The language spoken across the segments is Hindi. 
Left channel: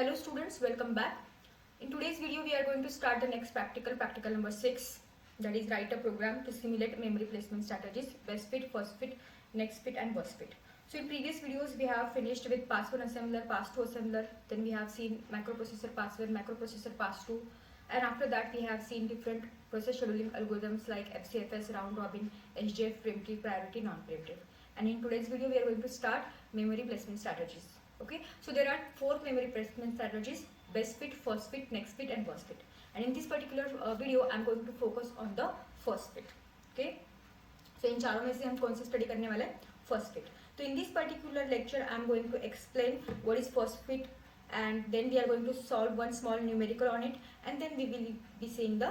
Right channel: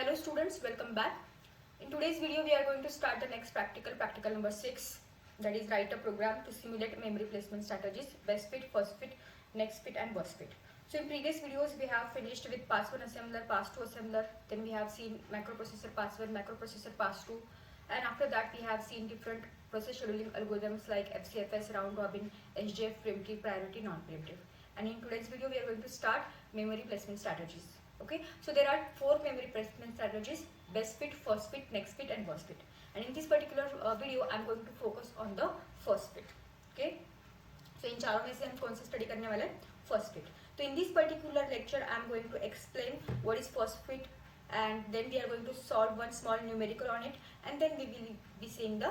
Hello students, welcome back. In today's video we are going to start the next practical number 6, that is write a program to simulate memory placement strategies, best fit, first fit, next fit and worst fit. So in previous videos we have finished with pass 1 assembler, pass 2 assembler, then we have seen microprocessor pass 1, microprocessor pass 2, and after that we have seen different process scheduling algorithms like FCFS, round robin, SJF, preemptive, priority, non-preemptive. And in today's video we are going to start memory placement strategies. Okay, so there are 4 memory placement strategies: best fit, first fit, next fit and worst fit. And in this particular video I am going to focus on the first fit. Okay, so इन चारों में से हम कौन सी स्टडी करने वाले हैं? First fit. तो in this particular lecture I am going to explain what is first fit, and then we are going to solve one small numerical on it, and then we will be seeing the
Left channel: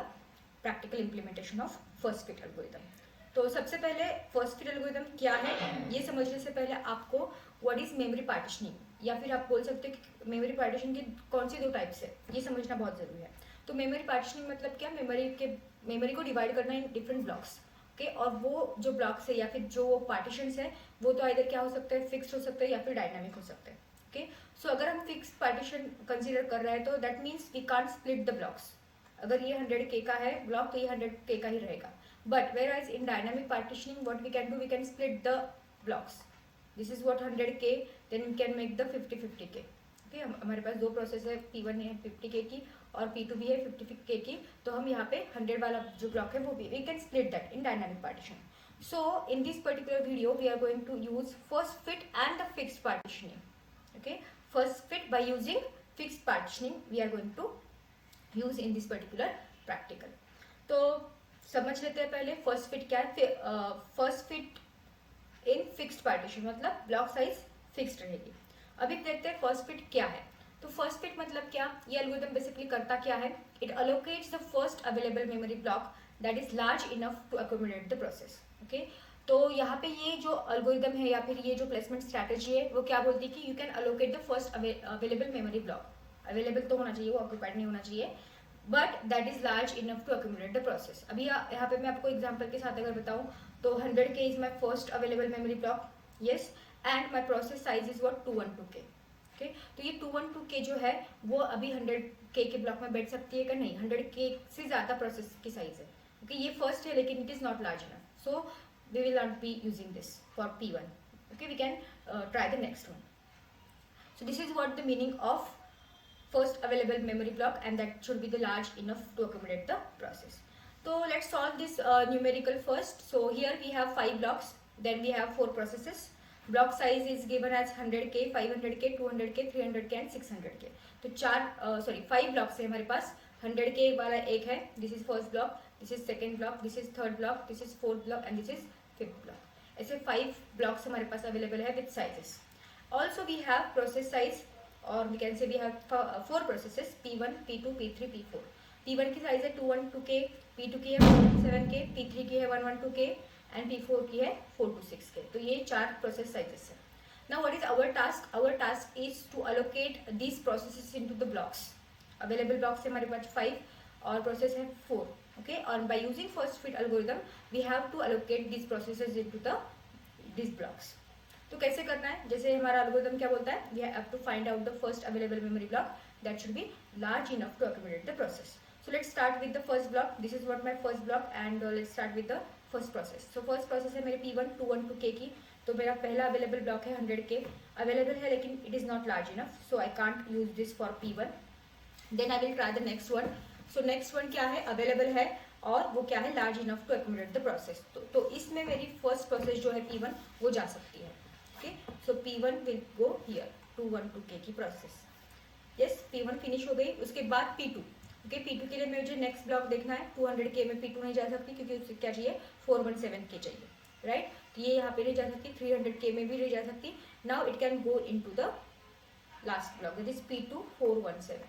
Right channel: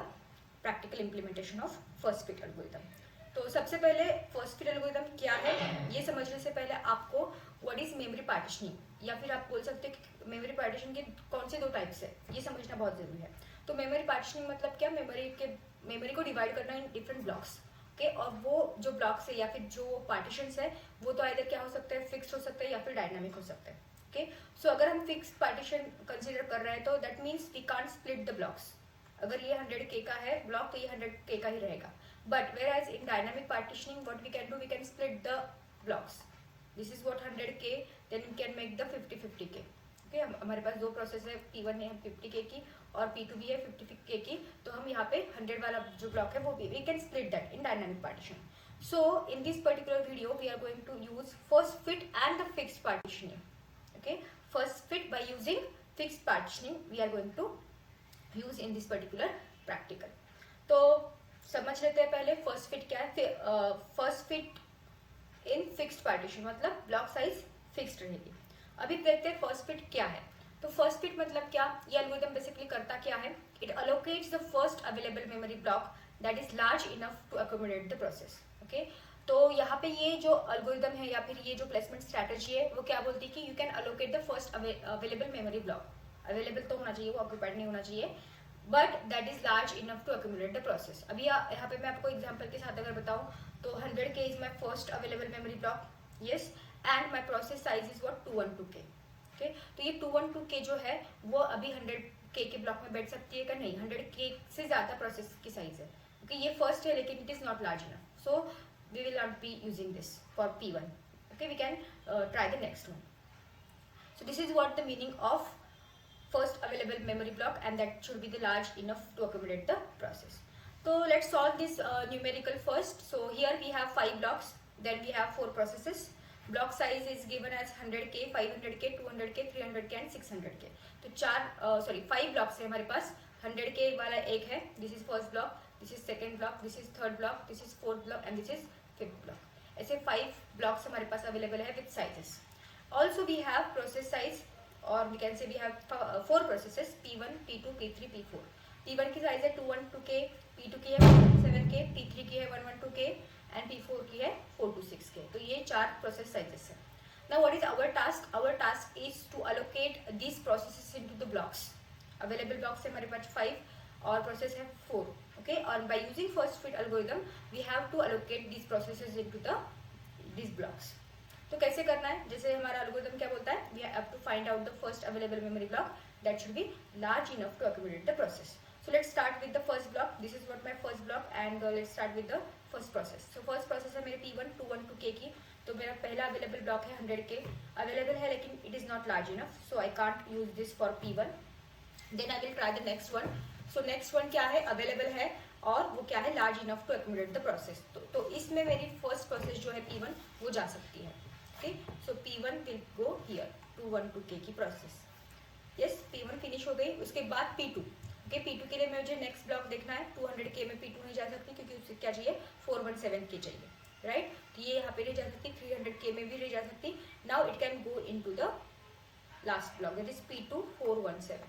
practical implementation of first fit algorithm. तो सबसे पहले फर्स्ट फिट एल्गोरिथम क्या है ये समझने से पहले आपको व्हाट इज मेमोरी पार्टीशनिंग, या फिर आप बोल सकते हो कि मेमोरी पार्टीशन की कौन सी 2 टाइप्स है, ये समझना बहुत जरूरी है. तो मेमोरी पार्टीशनिंग मतलब क्या? मेमोरी को डिवाइड करना इन डिफरेंट ब्लॉक्स. ओके, और वो जो ब्लॉक्स है या फिर जो पार्टीशंस है वो तो आइदर क्या हो सकता है, फिक्स हो सकता है या फिर डायनामिक हो सकता है. ओके, सो अगर हम फिक्स पार्टीशन कंसीडर कर रहे हैं तो that means we can't split the blocks. अगर ये 100K का है ब्लॉक तो ये 100K का ही रहेगा. But whereas in dynamic partitioning what we can do, we can split the blocks. This is what 100K, then we can make the 50-50K. Okay, हमारे पास 2 प्रोसेस है, P1 है 50K की और P2 भी है 50K की. तो हम यहाँ पे 100 वाला जो ब्लॉक है वो भी we can split that in dynamic partition. So in this particular video we are going to use first fit and the fixed partitioning. Okay, first fit by using fixed partitioning we are going to use in this particular practical. तो समझ लेते हैं पहले फर्स्ट फिट क्या है. First fit in fixed partition मतलब ब्लॉक साइज फिक्स्ड रहेगी. अभी देखते हैं फर्स्ट फिट क्या है. तो फर्स्ट फिट मतलब क्या, ये एल्गोरिथम बेसिकली करता क्या है, it allocates the first available memory block that is large enough to accommodate the process. Okay, तो यहाँ पे ये जो एल्गोरिथम है या फिर ये जो प्लेसमेंट स्ट्रैटेजी है वो क्या बोलती है कि you can allocate the first available memory block. Available तो होना चाहिए, वो ऑक्यूपाइड नहीं होना चाहिए, but that is large enough to accumulate the process. अभी यहाँ पे मैं आपको एग्जांपल के साथ अगर बताऊं तो 100K is my first available memory block. Yes, and my process size is what 212K. Okay, तो ये 212K जो है वो अभी 100K के ब्लॉक में बैठ सकती है क्या? नहीं, 100K से ज्यादा प्रोसेस की साइज है. ओके, ये फर्स्ट है लेकिन it is not large enough, so we will not be using this for P1. Okay, we can try the next one. So this is what the meaning of first available memory block, and that should be the large enough to accommodate the process. So let's solve this numerical first. So here we have 5 blocks, then we have 4 processes. Block size is given as 100K, 500K, 200K, 300K and 600K. तो 5 blocks है हमारे पास. 100K वाला एक है, this is first block, this is second block, this is third block, this is fourth block and this is fifth block. ऐसे 5 blocks हमारे पास available है with sizes. Also we have process size, और we can say we have 4 processes, P1, P2, P3, P4. P1 की साइज है 212K, P2 की है 117K, P3 की है 112K and P4 की है 426K. तो ये 4 प्रोसेस साइजेस है. Now what is our task? Our task is to allocate these processes into the blocks. Available blocks है हमारे पास 5 और प्रोसेस है 4. Okay, और by using first fit algorithm we have to allocate these processes into these blocks. तो कैसे करना है? जैसे हमारा एल्गोरिथम क्या बोलता है, we have to find out the first available memory block that should be large enough to accommodate the process. So let's start with the first block. This is what my first block, and let's start with the first process. So first process है मेरे P1 212K की. तो मेरा पहला अवेलेबल ब्लॉक है 100K अवेलेबल है लेकिन it is not large enough, so I can't use this for P1. Then I will try the next one. So next one क्या है, अवेलेबल है और वो क्या है, large enough to accommodate the process. तो इसमें मेरी फर्स्ट प्रोसेस जो है P1 वो जा सकती है. Okay, so P1 will go here, 212K की प्रोसेस. Yes, P1 फिनिश हो गई. उसके बाद P2. Okay, P2 के लिए मुझे नेक्स्ट ब्लॉक देखना है. 200K में P2 नहीं जा सकती क्योंकि उससे क्या चाहिए, 417K चाहिए, राइट. तो ये यहाँ पे नहीं जा सकती, 300K में भी नहीं जा सकती. Now it can go into the last block that is P2 417.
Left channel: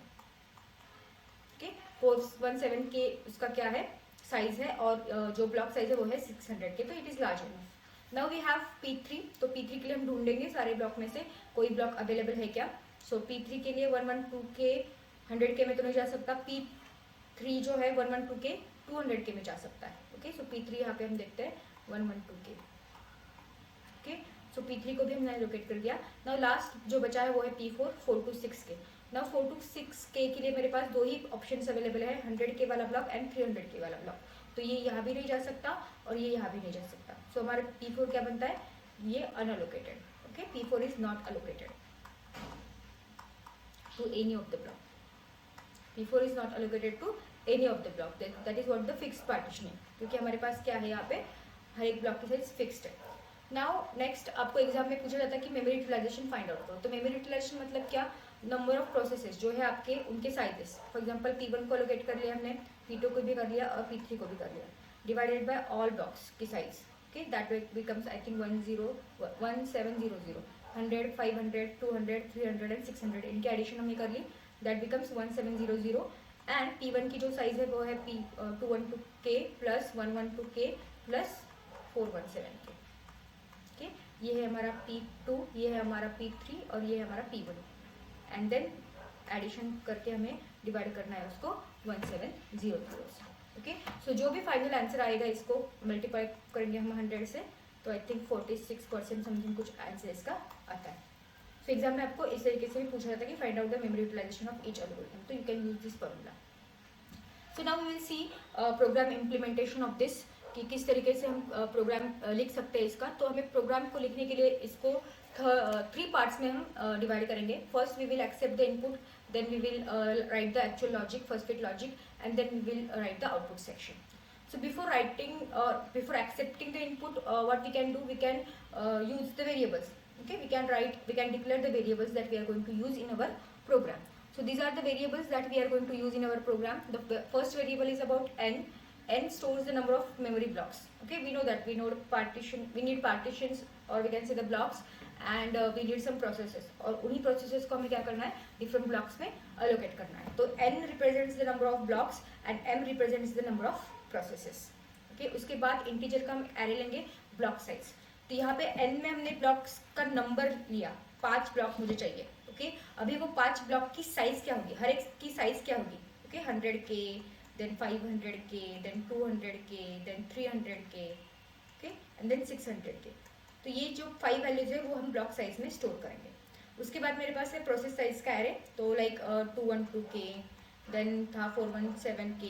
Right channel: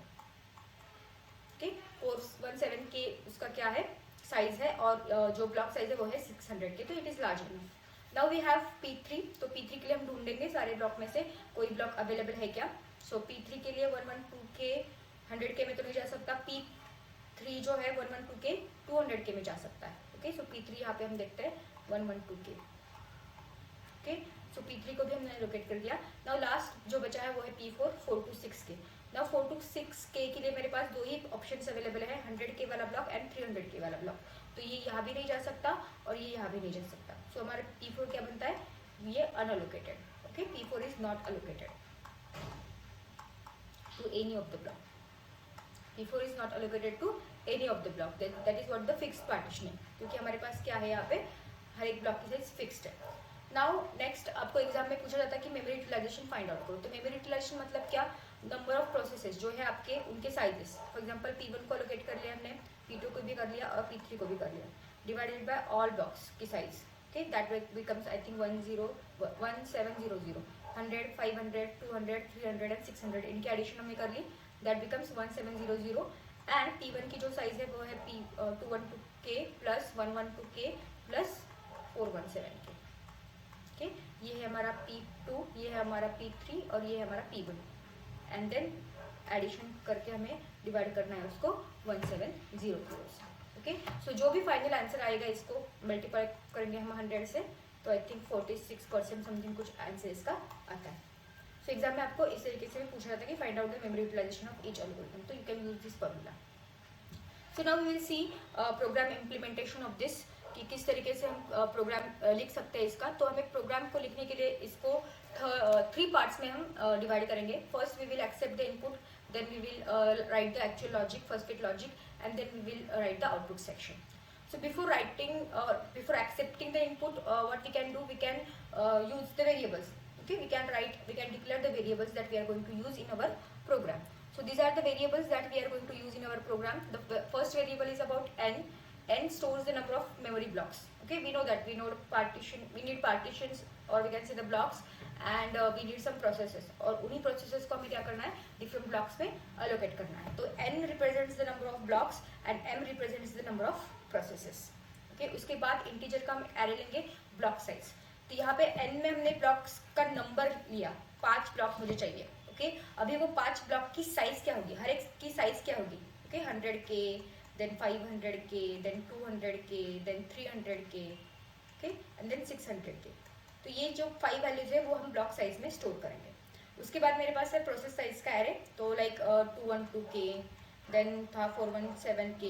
Okay, 417K उसका क्या है, साइज है, और जो ब्लॉक साइज है वो है 600K, तो it is large enough. Now we have P3. तो P3 के लिए हम ढूंढेंगे सारे ब्लॉक में से कोई ब्लॉक अवेलेबल है क्या. सो P3 के लिए 112K 100K में तो नहीं जा सकता. P3 जो है 112K 200K में जा सकता है. ओके, सो P3 यहाँ पे हम देखते हैं 112K. ओके, सो P3 को भी हमने एलोकेट कर दिया। नाउ लास्ट जो बचा है वो है P4 4 to 6K। Now 4 to 6K के लिए मेरे पास दो ही ऑप्शंस अवेलेबल है, 100K वाला ब्लॉक एंड 300K वाला ब्लॉक। तो ये यहाँ भी नहीं जा सकता और ये यहाँ भी नहीं जा सकता। सो हमारा P4 क्या बनता है, ये unallocated. Okay, P4 is not allocated to any of the block. P4 is not allocated to any of the block. That is what the fixed partitioning, क्योंकि हमारे पास क्या है यहाँ पे हर एक ब्लॉक की साइज फिक्स्ड है। नाउ नेक्स्ट आपको एग्जाम में पूछा जाता है कि मेमोरी यूटिलाइजेशन फाइंड आउट करो। तो मेमोरी यूटिलाइजेशन मतलब क्या, नंबर ऑफ प्रोसेसेस जो है आपके उनके साइजेस। फॉर एग्जांपल P1 को एलोकेट कर लिया हमने, P2 को भी कर लिया और P3 को भी कर लिया, डिवाइडेड बाय ऑल ब्लॉक्स की size. Okay, that becomes I think 1700, 100, 500, 200, 300 and 600 इनकी एडिशन हमने कर ली, दैट बिकम्स 1700। एंड P1 की जो साइज है वो है P212K plus 112K plus 417K। Okay, ये है हमारा P2, ये है हमारा P3 और ये है हमारा P1। एंड देन एडिशन करके हमें डिवाइड करना है उसको 1700 से। ओके, सो जो भी फाइनल आंसर आएगा इसको मल्टीप्लाई करेंगे हम 100 से, तो आई थिंक 46% समथिंग कुछ आंसर इसका आता है। सो एग्जाम में आपको इस तरीके से भी पूछा जाता है कि find out the memory utilisation of each algorithm, तो you can use this formula. So now we will see program implementation of this, कि किस तरीके से हम प्रोग्राम लिख सकते हैं इसका। तो हमें प्रोग्राम को लिखने के लिए इसको 3 पार्ट्स में हम डिवाइड करेंगे। First we will accept the input, then we will write the actual logic, first bit logic, and then we will write the output section. So before accepting the input, what we can do, we can use the variables. Okay, we can declare the variables that we are going to use in our program. So these are the variables that we are going to use in our program. The first variable is about n. N stores the number of memory blocks. Okay, we know that we need partitions, or we can say the blocks, and we need some processes, और उन्हीं processes को हमें क्या करना है, different blocks में allocate करना है। तो n represents the number of blocks and m represents the number of processes। okay, उसके बाद integer का हम array लेंगे block size। तो यहाँ पे n में हमने blocks का number लिया, 5 ब्लॉक मुझे चाहिए। okay, अभी वो 5 ब्लॉक की साइज क्या होगी, हर एक की साइज क्या होगी। okay, 100K, then 500K, then 200K, then 300K, okay, and then 600K। तो ये जो 5 वैल्यूज है वो हम ब्लॉक साइज में स्टोर करेंगे। उसके बाद मेरे पास है प्रोसेस साइज का एरे, तो लाइक 212K, देन था 417K,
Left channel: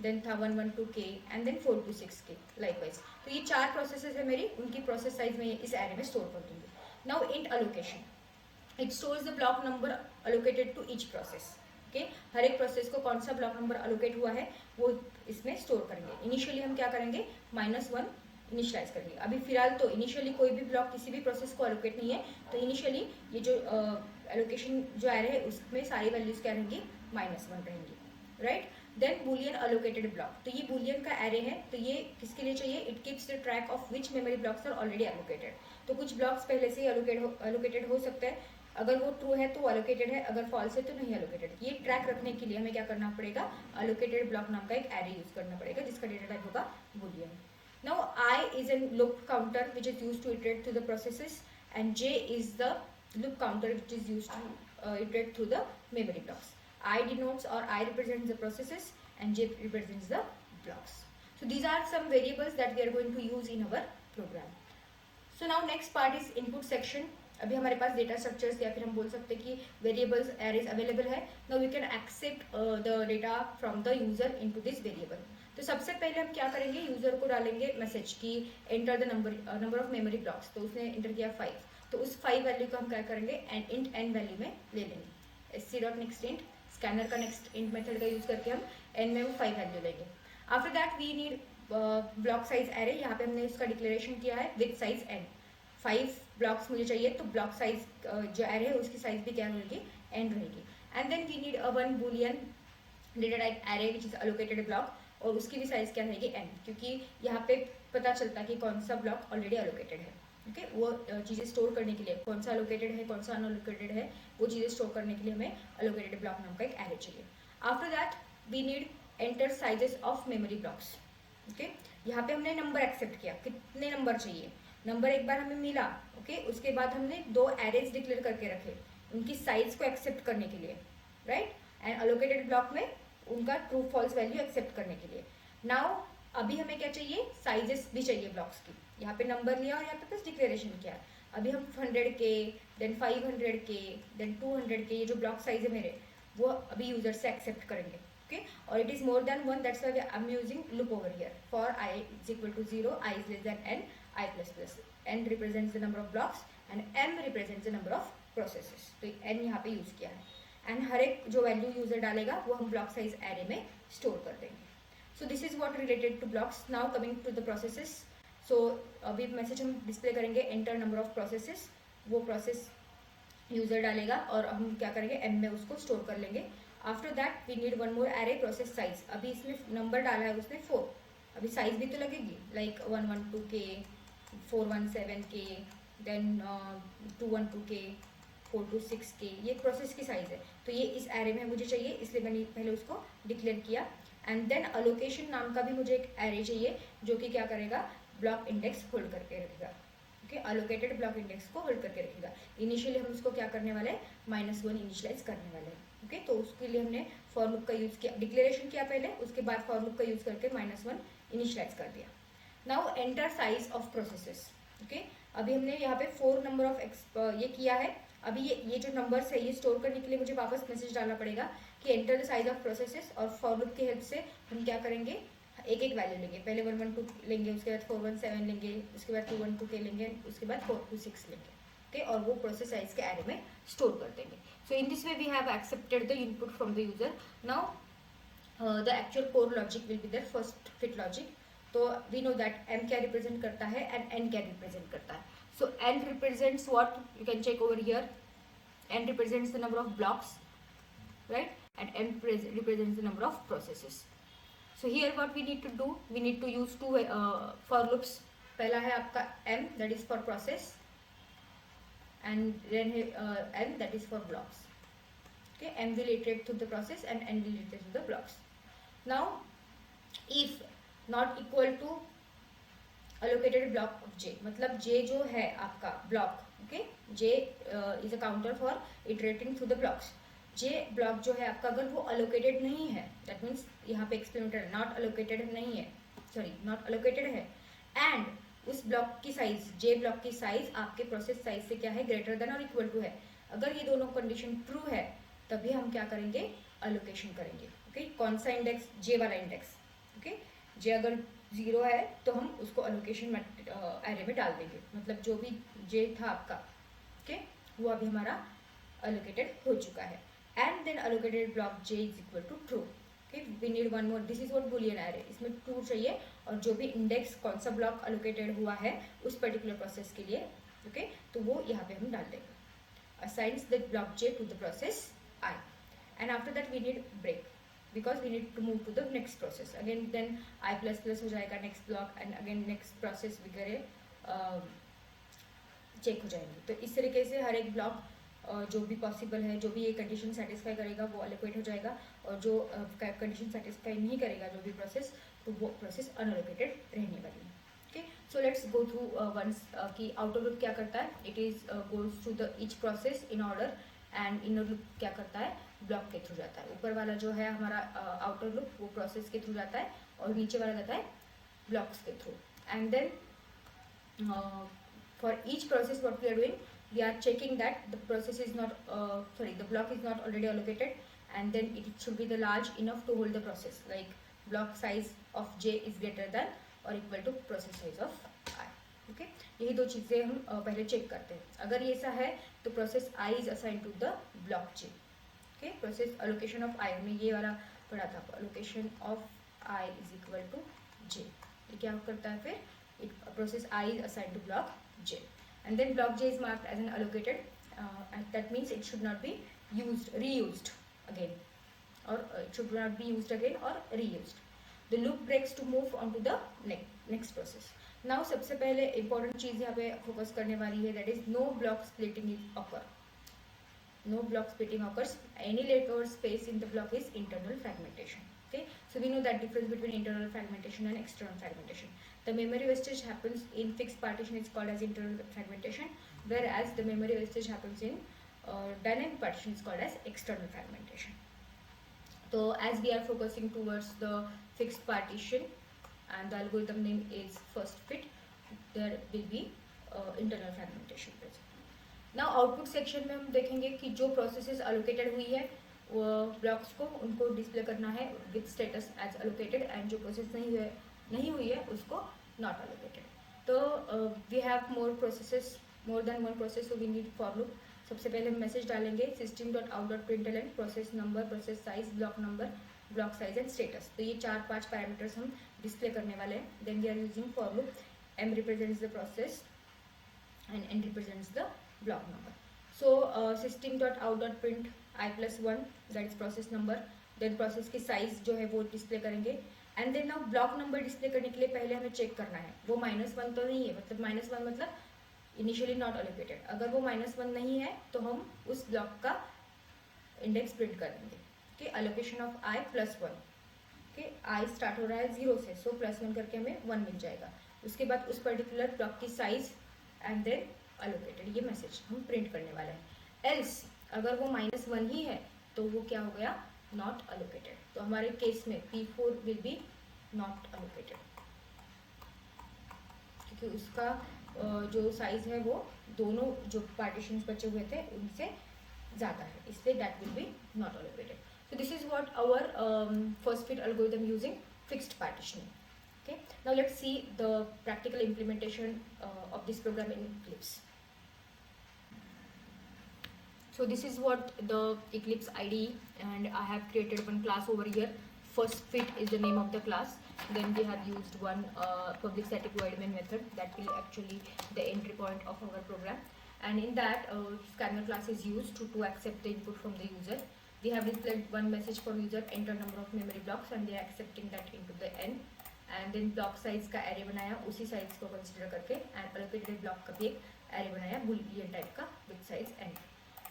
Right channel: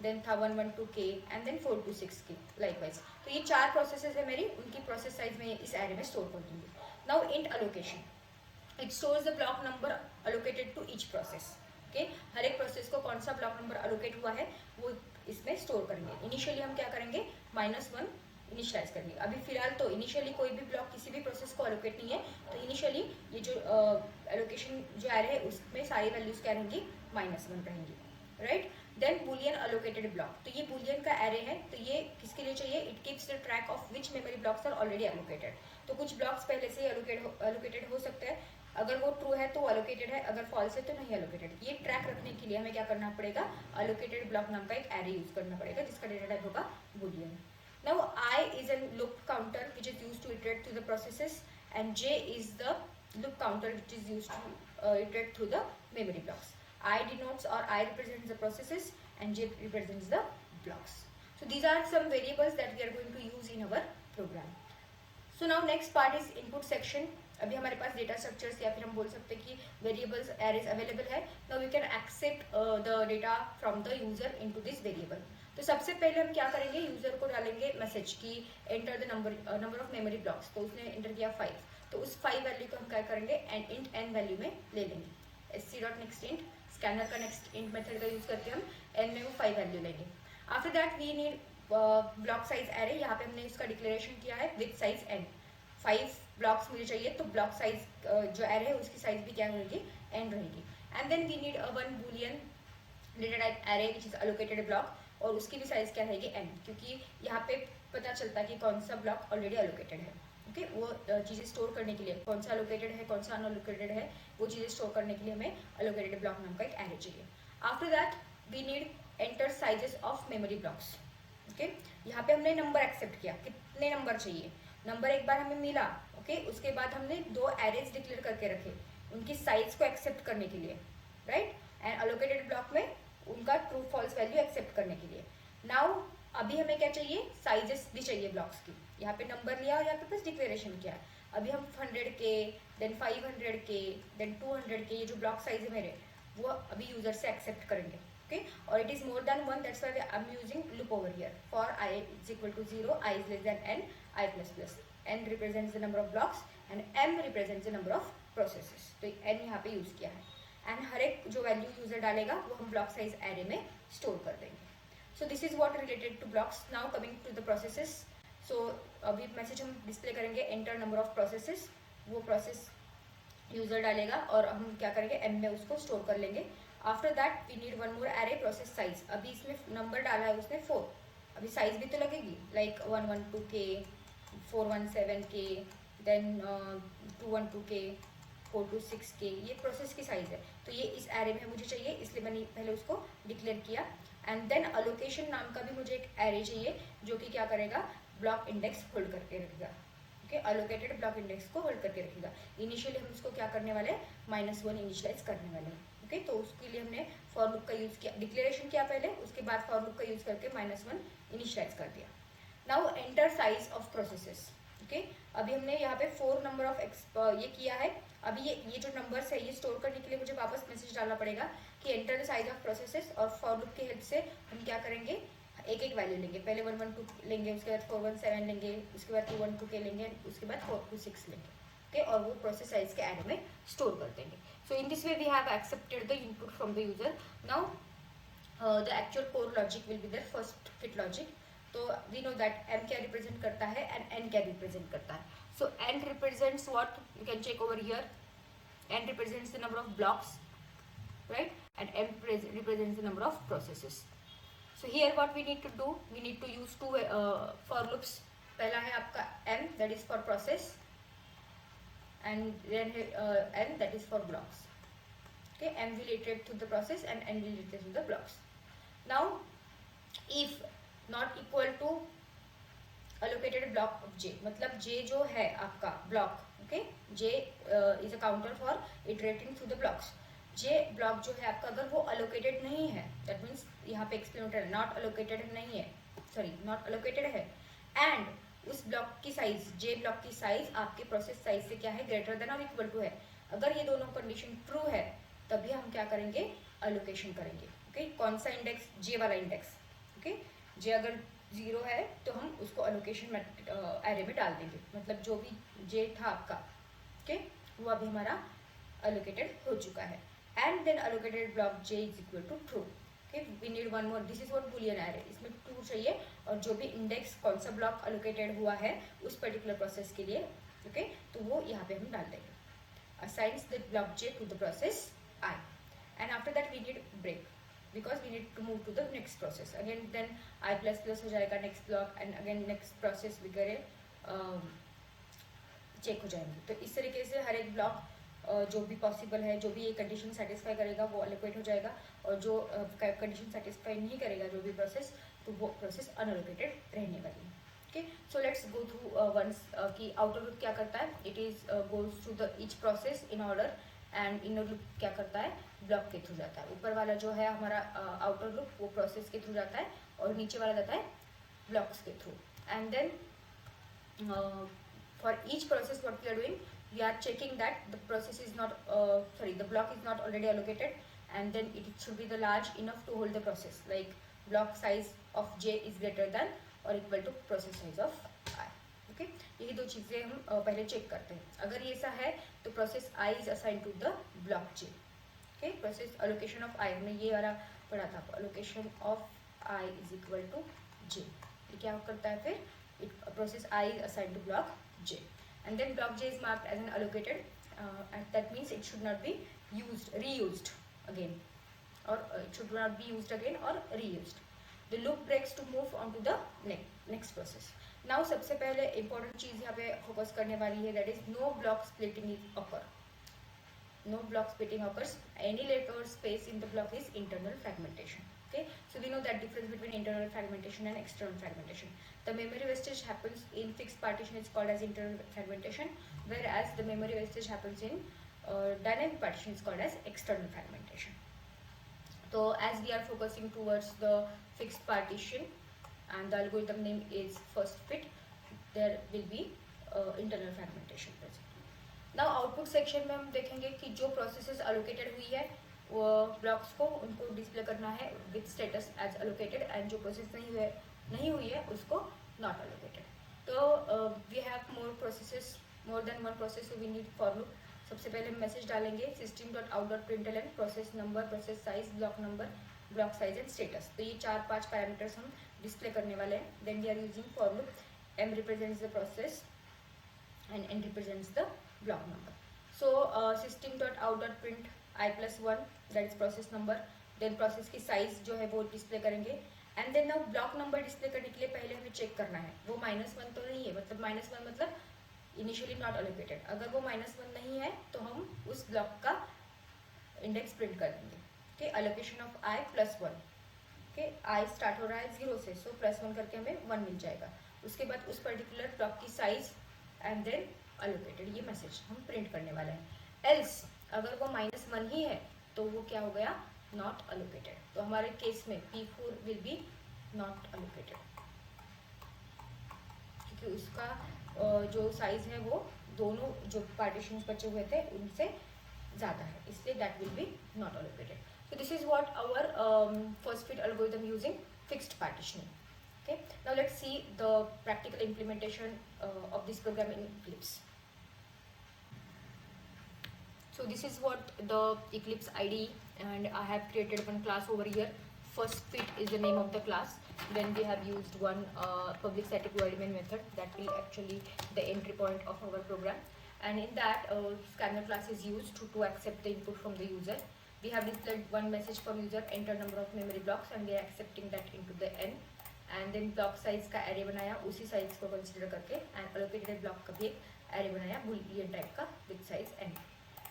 देन था 112K and then 426K likewise. तो ये 4 प्रोसेसेस है मेरी, उनकी प्रोसेस साइज में इस एरे में स्टोर कर दूंगी। Now int allocation, it stores the block number allocated to each process. Okay, हर एक प्रोसेस को कौन सा ब्लॉक नंबर अलोकेट हुआ है वो इसमें स्टोर करेंगे। इनिशियली हम क्या करेंगे, -1 इनिशियलाइज करेंगे। अभी फिलहाल तो इनिशियली कोई भी ब्लॉक किसी भी प्रोसेस को एलोकेट नहीं है, तो इनिशियली ये जो एलोकेशन जो एरे है उसमें सारी वैल्यूज क्या रहेंगी, -1 रहेंगी, right. Then boolean allocated block, तो ये बुलियन का एरे है, तो ये किसके लिए चाहिए, it keeps the track of which memory blocks are already allocated. तो कुछ ब्लॉक्स पहले से ही एलोकेटेड हो सकते हैं, अगर वो ट्रू है तो एलोकेटेड है, अगर फॉल्स है तो नहीं एलोकेटेड। ये ट्रैक रखने के लिए हमें क्या करना पड़ेगा, एलोकेटेड ब्लॉक नाम का एक एरे यूज करना पड़ेगा जिसका डेटा टाइप होगा Boolean. Now I is a loop counter which is used to iterate through the processes, and J is the loop counter which is used to iterate through the memory blocks. I denotes or I represents the processes and J represents the blocks. So these are some variables that we are going to use in our program. So now next part is input section. अभी हमारे पास डेटा स्ट्रक्चर्स या फिर हम बोल सकते हैं कि वेरिएबल्स एरेज अवेलेबल है। Now we can accept the data from the user into this variable. तो सबसे पहले हम क्या करेंगे, यूजर को डालेंगे मैसेज की enter the number of memory blocks. तो उसने एंटर किया 5, तो उस 5 वैल्यू को हम क्या करेंगे, एंड इंट एन वैल्यू में ले लेंगे। sc.next int स्कैनर का नेक्स्ट इंट मेथड का यूज करके हम एन में वो 5 वैल्यू लेंगे। After that we need block size array, यहाँ पे हमने इसका डिक्लेरेशन किया है विद साइज एन। 5 ब्लॉक्स मुझे चाहिए, तो ब्लॉक साइज जो एरे है उसकी साइज भी क्या रहेगी, एन रहेगी। And then we need one boolean data type array which is allocated block, और उसकी भी साइज क्या रहेगी, एन, क्योंकि यहाँ पे पता चलता है कि कौन सा ब्लॉक ऑलरेडी एलोकेटेड है। ओके, वो चीजें स्टोर करने के लिए कौन सा एलोकेटेड है कौन सा अनएलोकेटेड है वो चीजें स्टोर करने के लिए हमें एलोकेटेड ब्लॉक नाम का एक एरे चाहिए। After that we need enter sizes of memory blocks. Okay, यहाँ पे हमने नंबर एक्सेप्ट किया, कितने नंबर चाहिए, नंबर एक बार हमें मिला। ओके, उसके बाद हमने 2 एरेज डिक्लेयर करके रखे उनकी साइज को एक्सेप्ट करने के लिए, राइट, एंड एलोकेटेड ब्लॉक में उनका ट्रू फॉल्स वैल्यू एक्सेप्ट करने के लिए। नाउ अभी हमें क्या चाहिए, साइजेस भी चाहिए ब्लॉक्स की। यहाँ पे नंबर लिया और यहाँ पे बस डिक्लेरेशन किया। अभी हम 100K, then 500K, then 200K, ये जो ब्लॉक साइज है मेरे वो अभी यूजर से एक्सेप्ट करेंगे. ओके, और it is more than 1, that's why I am using loop over here. For i is equal to 0, i is less than n, i plus plus. n represents the number of blocks and m represents the number of processes. तो n यहाँ पे यूज किया है. एंड हर एक जो वैल्यू यूजर डालेगा वो हम ब्लॉक साइज एरे में स्टोर कर देंगे. So this is what related to blocks. Now coming to the processes. So अभी मैसेज हम डिस्प्ले करेंगे एंटर नंबर ऑफ प्रोसेसेस. वो प्रोसेस यूजर डालेगा और हम क्या करेंगे एन में उसको स्टोर कर लेंगे. After that we need one more array process size. अभी इसमें नंबर डाला है उसने 4, अभी साइज भी तो लगेगी like 112K, 417K, then 212K, 426K. ये प्रोसेस की साइज है. तो ये इस एरे में मुझे चाहिए, इसलिए मैंने पहले उसको डिक्लेयर किया. एंड देन अलोकेशन नाम का भी मुझे एक एरे चाहिए जो कि क्या करेगा, ब्लॉक इंडेक्स होल्ड करके रखेगा. ओके, अलोकेटेड ब्लॉक इंडेक्स को होल्ड करके रखेगा. इनिशियली हम उसको क्या करने वाले, -1 इनिशियलाइज करने वाले हैं. ओके, तो उसके लिए हमने फॉर लूप का यूज किया, डिक्लेरेशन किया पहले, उसके बाद फॉर लूप का यूज करके -1 इनिशियलाइज कर दिया. Now enter size of processes. Okay, अभी हमने यहाँ पे 4 नंबर ऑफ ये किया है. अभी ये जो नंबर्स है ये स्टोर करने के लिए मुझे वापस मैसेज डालना पड़ेगा कि enter the size of processes. और फॉर लूप की हेल्प से हम क्या करेंगे, एक एक वैल्यू लेंगे. पहले 112 लेंगे, उसके बाद 417 लेंगे, उसके बाद 212K लेंगे, उसके बाद 426 लेंगे. ओके, और वो प्रोसेस साइज के एरे में स्टोर कर देंगे. So in this way we have accepted the input from the user. Now the actual core logic will be there. First fit logic. तो वी नो दैट m क्या रिप्रेजेंट करता है एंड n क्या रिप्रेजेंट करता है. So n represents what? You can check over here. n represents the number of blocks, right? And m represents the number of processes. So here what we need to do? We need to use two for loops. पहला है आपका m, that is for process, and then n, that is for blocks. Okay, m will iterate through the process and n will iterate through the blocks. Now, if not equal to allocated block of j, मतलब j जो है आपका block. Okay, j is a counter for iterating through the blocks. j block जो है आपका अगर वो अलोकेटेड नहीं है, दैट मीन्स यहाँ पे एक्सप्लेनेटर नॉट अलोकेटेड नहीं है, सॉरी नॉट अलोकेटेड है, एंड उस ब्लॉक की साइज, j ब्लॉक की साइज आपके प्रोसेस साइज से क्या है, ग्रेटर देन और इक्वल टू है. अगर ये दोनों कंडीशन ट्रू है तभी हम क्या करेंगे, अलोकेशन करेंगे. ओके, कौन सा इंडेक्स, j वाला इंडेक्स. ओके, j अगर 0 है तो हम उसको अलोकेशन एरे में डाल देंगे. मतलब जो भी j था आपका, ओके, वो अभी हमारा अलोकेटेड हो चुका है. And then allocated block j is equal to true. Okay, we need one more. This is what boolean array. इसमें ट्रू चाहिए और जो भी इंडेक्स कौन सा ब्लॉक अलोकेटेड हुआ है उस पर्टिकुलर प्रोसेस के लिए, ओके, तो वो यहाँ पे हम डाल देंगे. Assigns the block j to the process i, and after that we need break because we need to move to the next process. Again then i plus plus हो जाएगा next block, and again next process वगैरह चेक हो जाएंगे. तो इस तरीके से हर एक ब्लॉक जो भी पॉसिबल है, जो भी ये कंडीशन सेटिस्फाई करेगा वो अलोकेट हो जाएगा, और जो कंडीशन सेटिस्फाई नहीं करेगा जो भी प्रोसेस, तो वो प्रोसेस अनअलोकेटेड रहने वाली है. Okay, so let's go through once कि आउटर लूप क्या करता है. It is goes through the each process in order, and inner loop क्या करता है, ब्लॉक के थ्रू जाता है. ऊपर वाला जो है हमारा आउटर लूप वो प्रोसेस के थ्रू जाता है, और नीचे वाला जाता है ब्लॉक्स के through. And then for each process what we are doing, we are checking that the process is not the block is not already allocated, and then it should be the large enough to hold the process, like block size of j is greater than और equal to process size of i. Okay, यही दो चीजें हम पहले चेक करते हैं. अगर ये ऐसा है तो process i is assigned to the block j. Okay, process allocation of i, हमने ये वाला पढ़ा था, allocation of i is equal to j. क्या करता है फिर, process i is assigned to block j, and then block j is marked as an allocated, and that means it should not be used, reused again, और it should not be used again और reused. The loop breaks to move on to the next process. Now सबसे पहले इंपॉर्टेंट चीज यहाँ पे फोकस करने वाली है, that is no block splitting is occur. No block splitting occurs. Any leftover space in the block is internal fragmentation. Okay, so we know that difference between internal fragmentation and external fragmentation. The memory wastage happens in fixed partition is called as internal fragmentation, whereas the memory wastage happens in dynamic partition is called as external fragmentation. So as we are focusing towards the fixed partition and the algorithm name is first fit, there will be internal fragmentation पे। नाउ आउटपुट सेक्शन में हम देखेंगे कि जो प्रोसेसेस अलोकेटेड हुई है वो ब्लॉक्स को उनको डिस्प्ले करना है with status as allocated, and जो प्रोसेस नहीं हुई है उसको नॉट अलोकेटेड। तो we have more than one process, we need for loop. सबसे पहले हम मैसेज डालेंगे system.out.println process number, process size, block number, block size and status. तो ये 4-5 पैरामीटर्स हम डिस्प्ले करने वाले हैं। Then we are using for loop, m represents the process and n represents the block number. So system.out.print i+1 that is process number, then process की size जो है वो डिस्प्ले करेंगे, and then now block number display करने के लिए पहले हमें चेक करना है वो -1 तो नहीं है, मतलब -1 मतलब इनिशियली नॉट अलोकेटेड। अगर वो -1 नहीं है तो हम उस ब्लॉक का इंडेक्स प्रिंट कर देंगे। Okay, allocation of i+1। Okay, i start हो रहा है 0 से, सो +1 करके हमें 1 मिल जाएगा। उसके बाद उस पर्टिकुलर ब्लॉक की साइज एंड देन अलोकेटेड, ये मैसेज हम प्रिंट करने वाले हैं। एल्स अगर वो -1 ही है तो वो क्या हो गया, नॉट अलोकेटेड। तो हमारे केस में P4 will be not allocated क्योंकि उसका जो साइज है वो दोनों जो पार्टीशन बचे हुए थे उनसे ज्यादा है, इसलिए that will be not allocated. So this is what our first fit algorithm using fixed partitioning. Okay, now let's see the practical implementation of this program in Eclipse. So this is what the Eclipse IDE, and I have created one class over here. First fit is the name of the class. Then we have used one public static void main method that will actually the entry point of our program, and in that scanner class is used to accept the input from the user. We have displayed one message for user, enter number of memory blocks, and they are accepting that into the n. And then block size का एरे बनाया, उसी साइज को कंसिडर करके, एंड अलोकेटेड ब्लॉक का भी एक एरे बनाया बुलियन टाइप का with size n.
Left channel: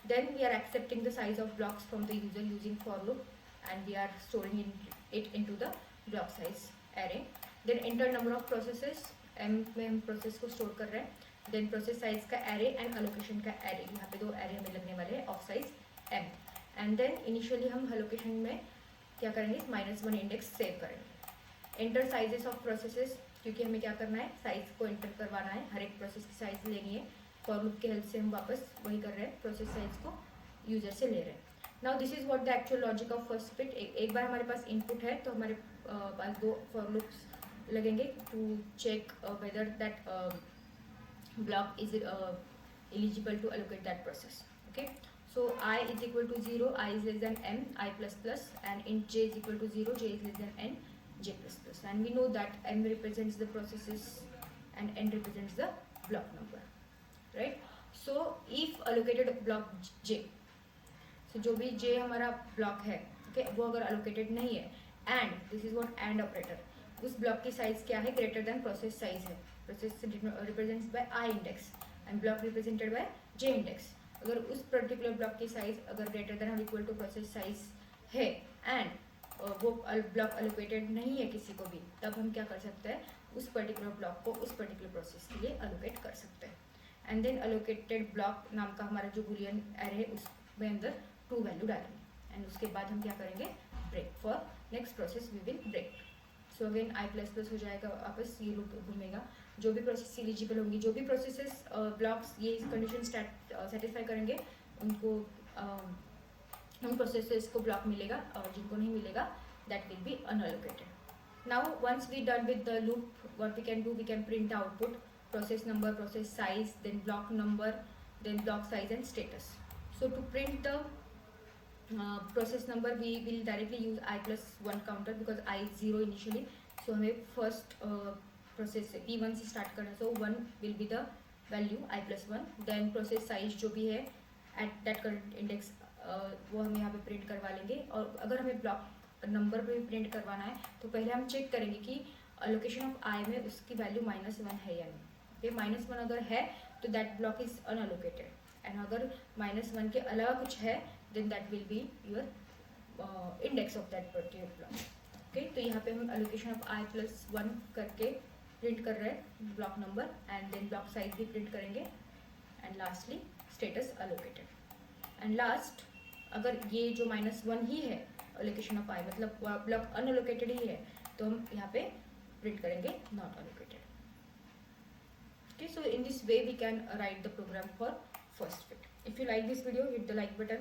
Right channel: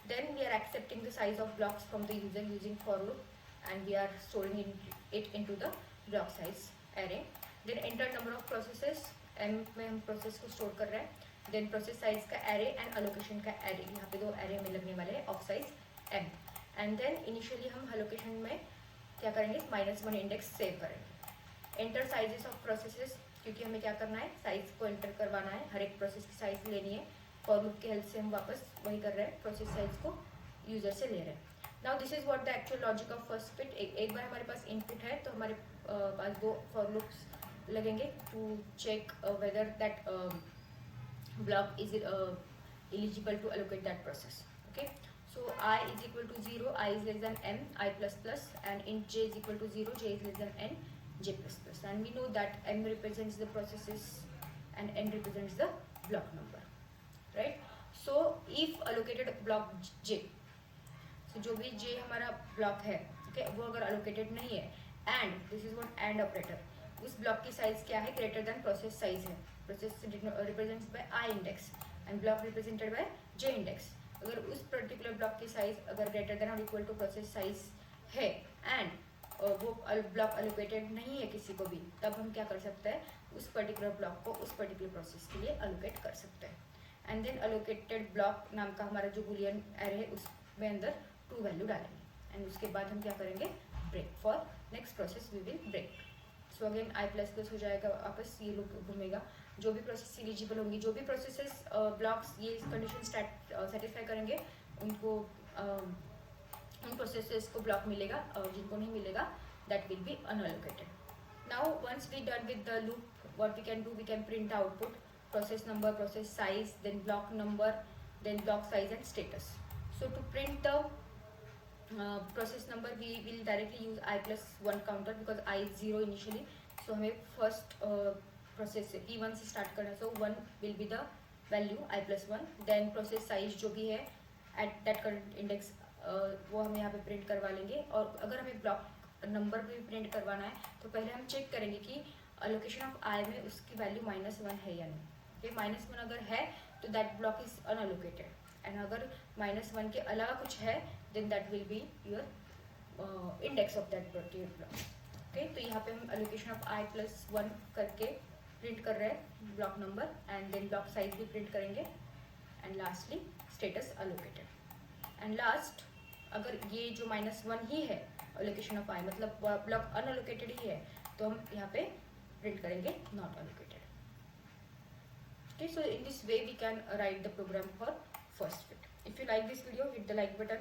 Then we are accepting the size of blocks from the user using for loop, and we are storing it into the block size array. Then enter number of processes, m में हम प्रोसेस को स्टोर कर रहे हैं. देन प्रोसेस साइज का एरे एंड अलोकेशन का एरे, यहाँ पे 2 एरे में लगने वाले हैं of size m. And then initially हम अलोकेशन में क्या करेंगे, -1 इंडेक्स सेव करेंगे. एंटर साइजेस ऑफ प्रोसेसेस, क्योंकि हमें क्या करना है, साइज को एंटर करवाना है, हर एक प्रोसेस की साइज लेनी है. फॉर लूप के हेल्प से हम वापस वही कर रहे हैं, प्रोसेस साइज को यूजर से ले रहे हैं. Now this is what the actual logic of first fit. एक बार हमारे पास इनपुट है तो हमारे पास 2 फॉर लूप्स लगेंगे to check whether that block is eligible to allocate that process. Okay, so I is equal to 0, I is less than m, I++, and int j is equal to 0, j is less than n, j++. And we know that m represents the processes and n represents the block number, right? So if allocated block j, so जो भी j हमारा ब्लॉक है, okay, वो अगर allocated नहीं है, and this is what and operator, उस ब्लॉक की साइज क्या है, ग्रेटर देन प्रोसेस साइज है. Process represents by i index and block represented by j index. अगर उस पर्टिकुलर ब्लॉक की साइज अगर ग्रेटर देन और इक्वल टू प्रोसेस साइज है एंड वो ब्लॉक अलोकेटेड नहीं है किसी को भी, तब हम क्या कर सकते हैं, उस पर्टिकुलर ब्लॉक को उस पर्टिकुलर प्रोसेस के लिए अलोकेट कर सकते हैं. एंड देन अलोकेटेड ब्लॉक नाम का हमारा जो बुलियन एरे है उसमें अंदर 2 वैल्यू डालेंगे, एंड उसके बाद हम क्या करेंगे, break for next process we will break. So again I++ हो जाएगा, वापस ये लूप घूमेगा. जो भी प्रोसेस एलिजिबल होंगी, जो भी प्रोसेसेस ब्लॉक्स ये कंडीशन सेटिस्फाई करेंगे, उनको उन प्रोसेसेस को ब्लॉक मिलेगा, और जिनको नहीं मिलेगा that will be unallocated. Now once we done with the loop, what we can do, we can print output process number, process size, then block number, then block size and status. So to print the process number we will directly use I+1 counter because I is 0 initially. So हमें फर्स्ट प्रोसेस P1 से स्टार्ट करना है, so 1 will be the value I+1. Then process size जो भी है एट दैट करंट इंडेक्स वो हम यहाँ पे प्रिंट करवा लेंगे. और अगर हमें ब्लॉक नंबर पे भी प्रिंट करवाना है तो पहले हम चेक करेंगे कि अलोकेशन ऑफ I में उसकी वैल्यू -1 है या नहीं. -1 अगर है तो that block is unallocated, and अगर -1 के अलावा कुछ है then that will be your index of that particular block. Okay, तो यहाँ पे हम अलोकेशन ऑफ I+1 करके प्रिंट कर रहे हैं block number, and then block size भी प्रिंट करेंगे, and lastly status allocated. And last अगर ये जो -1 ही है अलोकेशन ऑफ I, मतलब ब्लॉक अनअलोकेटेड ही है, तो हम यहाँ पे प्रिंट करेंगे not allocated. Okay, so in this way we can write the program for first fit. If you like this video, hit the like button,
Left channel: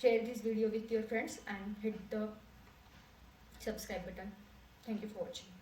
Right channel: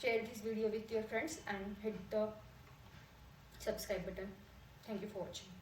share this video with your friends and hit the subscribe button. Thank you for watching.